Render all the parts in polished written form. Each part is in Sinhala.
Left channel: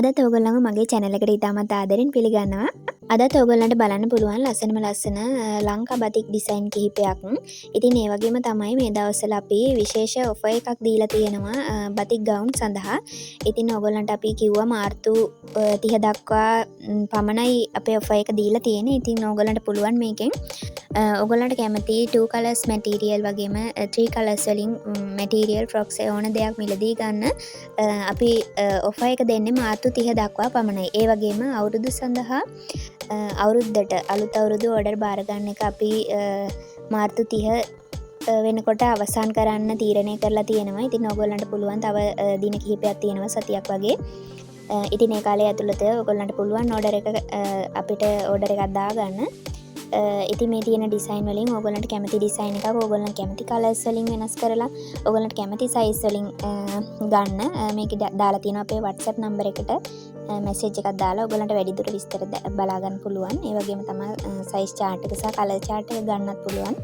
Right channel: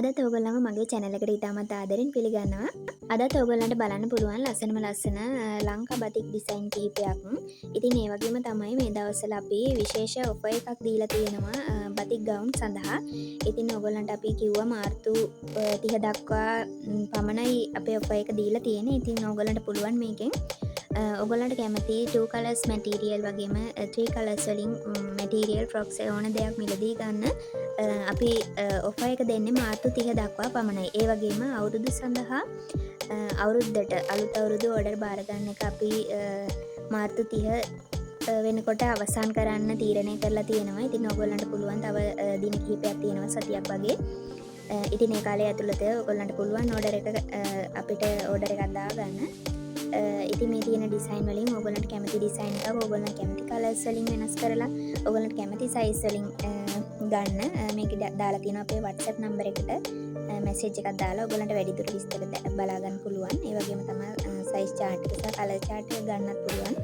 අදත් ඔයගොල්ලන්ව මගේ channel එකට ඉතාමත් ආදරෙන් පිළිගන්නවා. අදත් ඔයගොල්ලන්ට බලන්න පුළුවන් ලස්සනම ලස්සන ලංකා බතික් ඩිසයින් කිහිපයක්. ඉතින් ඒ වගේම තමයි මේ දවස්වල අපි විශේෂ ඔෆර් එකක් දීලා තියෙනවා බතික් ගවුම් සඳහා. ඉතින් ඔයගොල්ලන්ට අපි කිව්වා මාර්තු 30 දක්වා පමණයි අපේ ඔෆර් එක දීලා තියෙන්නේ. ඉතින් ඔයගොල්ලන්ට පුළුවන් මේකෙන් ඔයගොල්ලන්ට කැමති 2 colors material වගේම 3 colors වලින් material frocks ඕන දෙයක් මිලදී ගන්න අපි ඔෆර් එක දෙන්නේ මාර්තු 30 දක්වා පමණයි. ඒ වගේම අවුරුදු සඳහා අවුරුද්දට අලුත් අවුරුදු ඕඩර් බාර ගන්න එක අපි මාර්තු 30 වෙනකොට අවසන් කරන්න තීරණය කරලා තියෙනවා. ඉතින් ඔයගොල්ලන්ට පුළුවන් තව දින කිහිපයක් තියෙනවා සතියක් වගේ. ඉතින් ඒ කාලය ඇතුළත ඔයගොල්ලන්ට පුළුවන් ඕඩර් එක අපිට ඕඩර් එකක් දාගන්න. ඉතින් මේ තියෙන ඩිසයින් වලින් ඔයගොල්ලන්ට කැමති ඩිසයින් එකක් ඔයගොල්ලන්ට කැමති කලර්ස් වලින් වෙනස් කරලා ඔයගොල්ලන්ට කැමති සයිස් වලින් ගන්න මේක දාලා තියෙනවා අපේ WhatsApp නම්බර් එකට මැසේජ් එකක් දාලා ඔයගොල්ලන්ට වැඩිදුර විස්තර බලා ගන්න පුළුවන්. ඒ වගේම තමයි සයිස් chart එක සහ කලර් chart එක ගන්නත් පුළුවන්.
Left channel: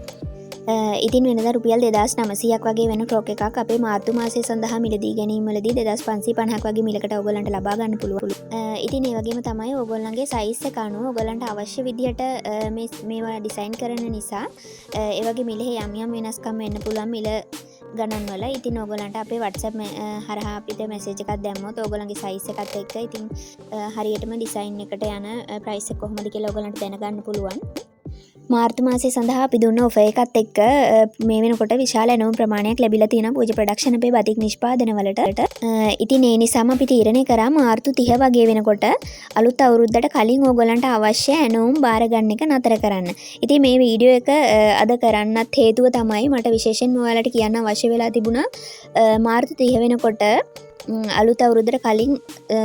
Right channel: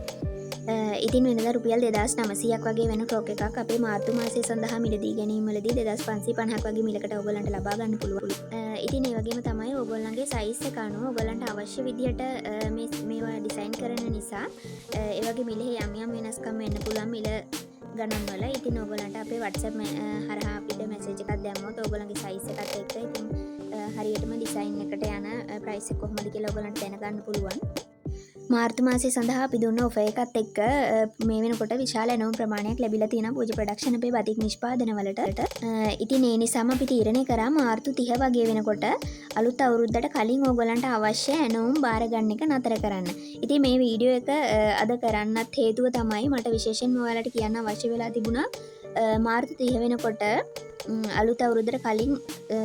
ඉතින් වෙනදා රුපියල් 2900ක් වගේ වෙන ටොක් එකක් අපේ මාර්තු මාසය සඳහා මිලදී ගැනීමවලදී 2550ක් වගේ මිලකට ඔයගොල්ලන්ට ලබා ගන්න පුළුවන්. ඉතින් ඒ වගේම තමයි ඔයගොල්ලන්ගේ සයිස් එක අනුව ඔයගොල්ලන්ට අවශ්‍ය විදිහට මේවා ඩිසයින් කරන නිසා ඒ වගේ මිලේ යම් වෙනස්කම් වෙන්න පුළුවන් මිල ගණන් වල. ඉතින් ඔයගොල්ලන්ට අපේ WhatsApp හරහා අපිට මැසේජ් එකක් දැම්මොත් ඔයගොල්ලන්ගේ සයිස් එකත් එක්ක ඉතින් හරියටම ඩිසයින් එකට යන ප්‍රයිස් එක කොහොමද කියලා ඔයගොල්ලන්ට දැනගන්න පුළුවන්. මාර්තු මාසය සඳහා අපි දුන්න ඔෆර් එකත් එක්ක මේ වෙනකොට විශාල ඇණවුම් ප්‍රමාණයක් ලැබිලා තියෙනවා පූජ ප්‍රොඩක්ෂන් අපේ බතික් නිෂ්පාදන වලට. ඉතින් ඒ නිසාම අපි තීරණය කරා මාර්තු 30 වගේ වෙනකොට අලුත් අවුරුද්දට කලින් ඕගොල්ලන්ට අවශ්‍ය ඇණවුම් බාර ගන්න එක නතර කරන්න. ඉතින් මේ වීඩියෝ එක අද කරන්නත් හේතුව තමයි මට විශේෂයෙන්ම ඔයාලට කියන්න අවශ්‍ය වෙලා තිබුණා මාර්තු 30 වෙනකොට අලුත් අවුරුද්දට කලින්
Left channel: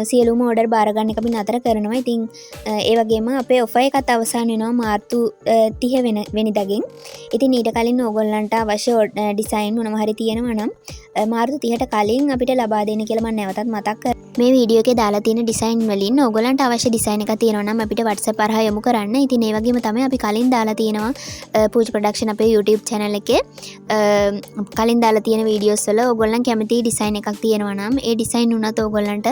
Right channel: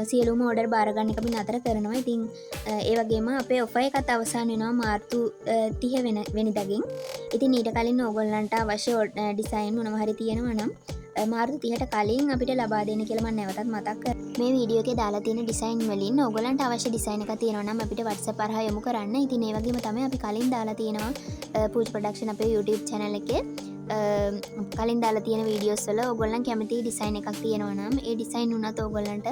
සියලුම ඕඩර් බාර ගන්න එක අපි නතර කරනවා. ඉතින් ඒ වගේම අපේ ඔෆර් එකත් අවසන් වෙනවා මාර්තු 30 වෙනිදාගෙන්. ඉතින් ඊට කලින් ඕගොල්ලන්ට අවශ්‍ය ඩිසයින් මොනවා හරි තියෙනවා නම් මාර්තු 30ට කලින් අපිට ලබා දෙන්න කියලා මම නැවතත් මතක් කරනවා. මේ වීඩියෝ එකේ දාලා තියෙන ඩිසයින් වලින් ඕගොල්ලන්ට අවශ්‍ය ඩිසයින් එකක් තියෙනවා නම් අපිට WhatsApp හරහා යොමු කරන්න. ඉතින් ඒ වගේම තමයි අපි කලින් දාලා තියෙනවා පූජ ප්‍රොඩක්ෂන් අපේ YouTube channel එකේ කලින් දාලා තියෙන වීඩියෝස් වල ඕගොල්ලන් කැමති ඩිසයින් එකක් තියෙනවා නම් ඒ ඩිසයින් උනත් ඕගොල්ලන්ට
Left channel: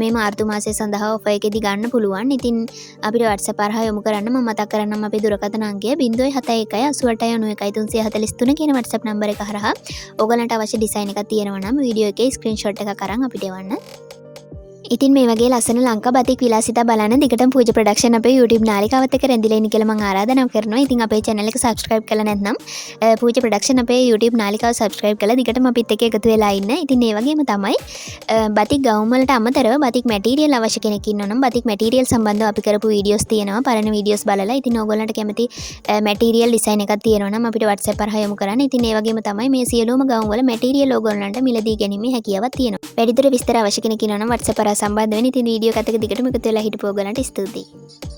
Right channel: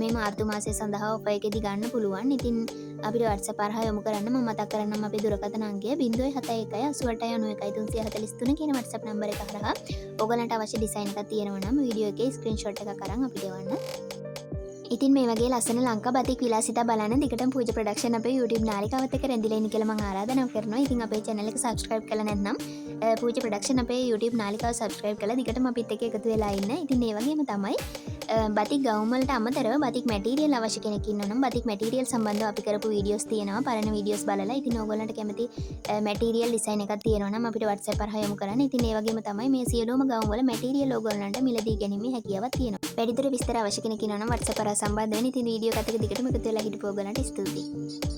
මේ මාර්තු මාසය සඳහා ඔෆර් එකේදී ගන්න පුළුවන්. ඉතින් අපිට WhatsApp හරහා යොමු කරන්න. මම මතක් කරන්නම් අපේ දුරකථන අංකය 071 88 91 343 කියන WhatsApp නම්බර එක හරහා ඕගොල්ලන්ට අවශ්‍ය ඩිසයින් එකක් තියෙනවා නම් වීඩියෝ එකේ ස්ක්‍රීන්ෂොට් එකක් අරන් අපිට එවන්න. ඉතින් මේ වගේ ලස්සන ලංකා බතික් විලාසිතා බලන්න දිගටම පූජ ප්‍රොඩක්ෂන් අපේ YouTube නාලිකාවත් එක්ක රැඳිලා ඉන්න කියලා මම ආරාධනා කරනවා. ඉතින් අපේ channel එක subscribe කරලා නැත්නම් පූජ ප්‍රොඩක්ෂන් අපේ YouTube නාලිකාව subscribe කරලා දිගටම අපිත් එක්ක එකතු වෙලා ඉන්න. ඉතින් ඒ වගේම තමයි බතික් ගවුම් වලට අමතරව බතික් මැටීරියල් අවශ්‍ය කෙනෙක් ඉන්නවා නම් බතික් මැටීරියල් සම්බන්ධව අපි කරපු වීඩියෝස් තියෙනවා. පරණ වීඩියෝස් බලලා ඉතින් ඕගොල්ලන්ට කැමති මැටීරියල් ඩිසයින් එකක් තියෙනවා නම් අපිට WhatsApp හරහා යොමු කරන්න. ඉතින් ඒ වගේම තමයි මේ සියලුම ගවුම් වල මැටීරියල් ඕගොල්ලන්ට මිලදී ගැනීමේ හැකියාවක් තියෙනවා. වැඩිදුර විස්තර අවශ්‍ය කෙනෙක් ඉන්නවා නම් WhatsApp හරහා සම්බන්ධ වෙන්න. ඉතින් වීඩියෝ එකත් එක්ක දිගටම එකතු වෙලා හිටපු ඕගොල්ලන්ට ස්තුතියි.